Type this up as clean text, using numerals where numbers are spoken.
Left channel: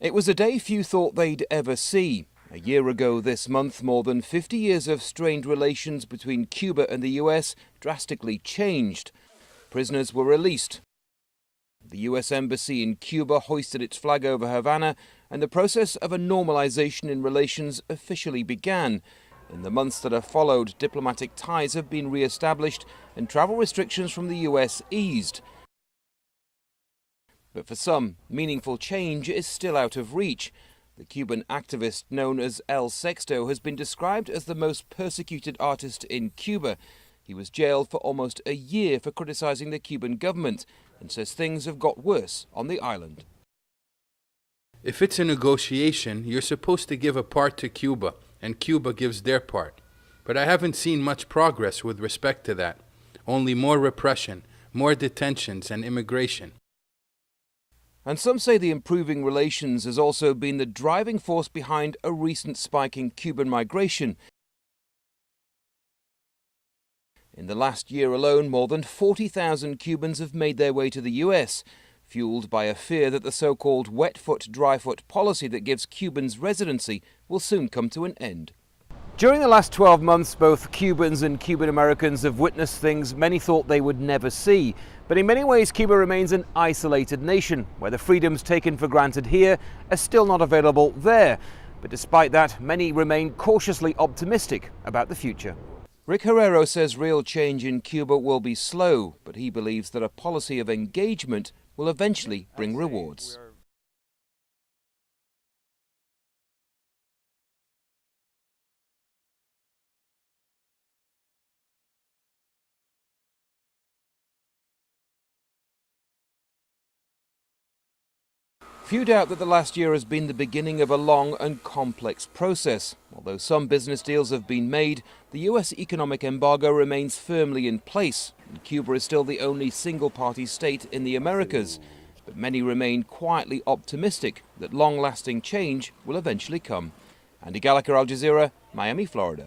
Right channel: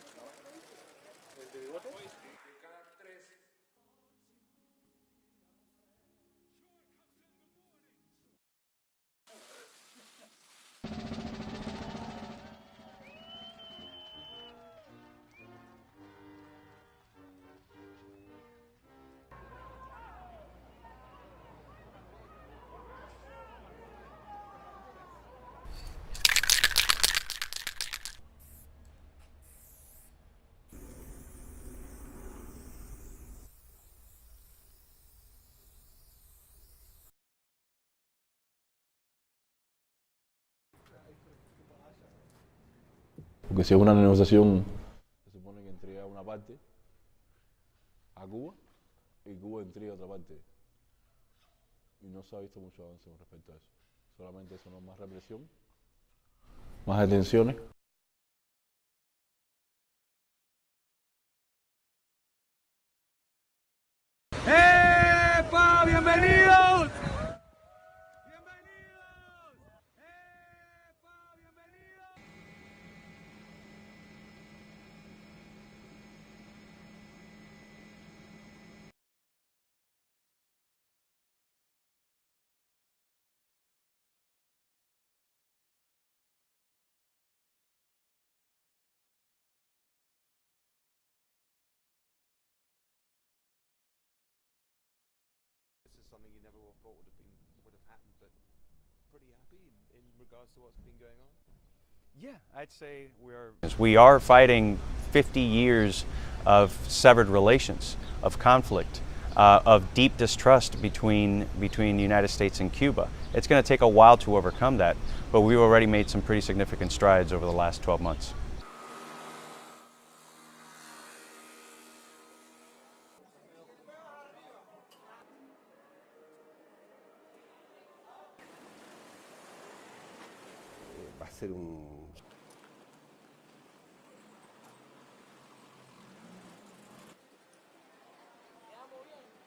It was a day few thought they'd ever see. A year ago this month, more than 50 years of strained relations between Cuba and the US drastically changed. Prisoners were released. The US Embassy in Cuba hoisted its flag over Havana, and the process of a normalization in relations officially began. In the months that have followed, diplomatic ties have been re-established and travel restrictions from the US eased. But for some, meaningful change is still out of reach. The Cuban activist known as El Sexto has been described as the most persecuted artist in Cuba. He was jailed for almost a year for criticizing the Cuban government and says things have got worse on the island. If it's a negotiation, you're supposed to give a part to Cuba, and Cuba gives their part. But I haven't seen much progress with respect to that. Only more repression, more detentions and immigration. And some say the improving relations has also been the driving force behind a recent spike in Cuban migration. In the last year alone, more than 40,000 Cubans have made their way to the US, fueled by a fear that the so-called wet foot, dry foot policy that gives Cubans residency will soon come to an end. During the last 12 months, both Cubans and Cuban Americans have witnessed things many thought they would never see. But in many ways, Cuba remains an isolated nation, where the freedoms taken for granted here are still not available there. But despite that, many remain cautiously optimistic about the future. Rick Herrero says real change in Cuba will be slow, but he believes that a policy of engagement will eventually bring rewards. We are fighting 50 years of severed relations, of conflict, of deep distrust between the United States and Cuba. It's going to take a while to overcome that, but we've already made some pretty significant strides over the last 12 months. Few doubt that the last year has been the beginning of a long and complex process. Although some business deals have been made, the US economic embargo remains firmly in place, and Cuba is still the only single-party state in the Americas. But many remain quietly optimistic that long-lasting change will eventually come. Andy Gallagher, Al Jazeera, Miami, Florida.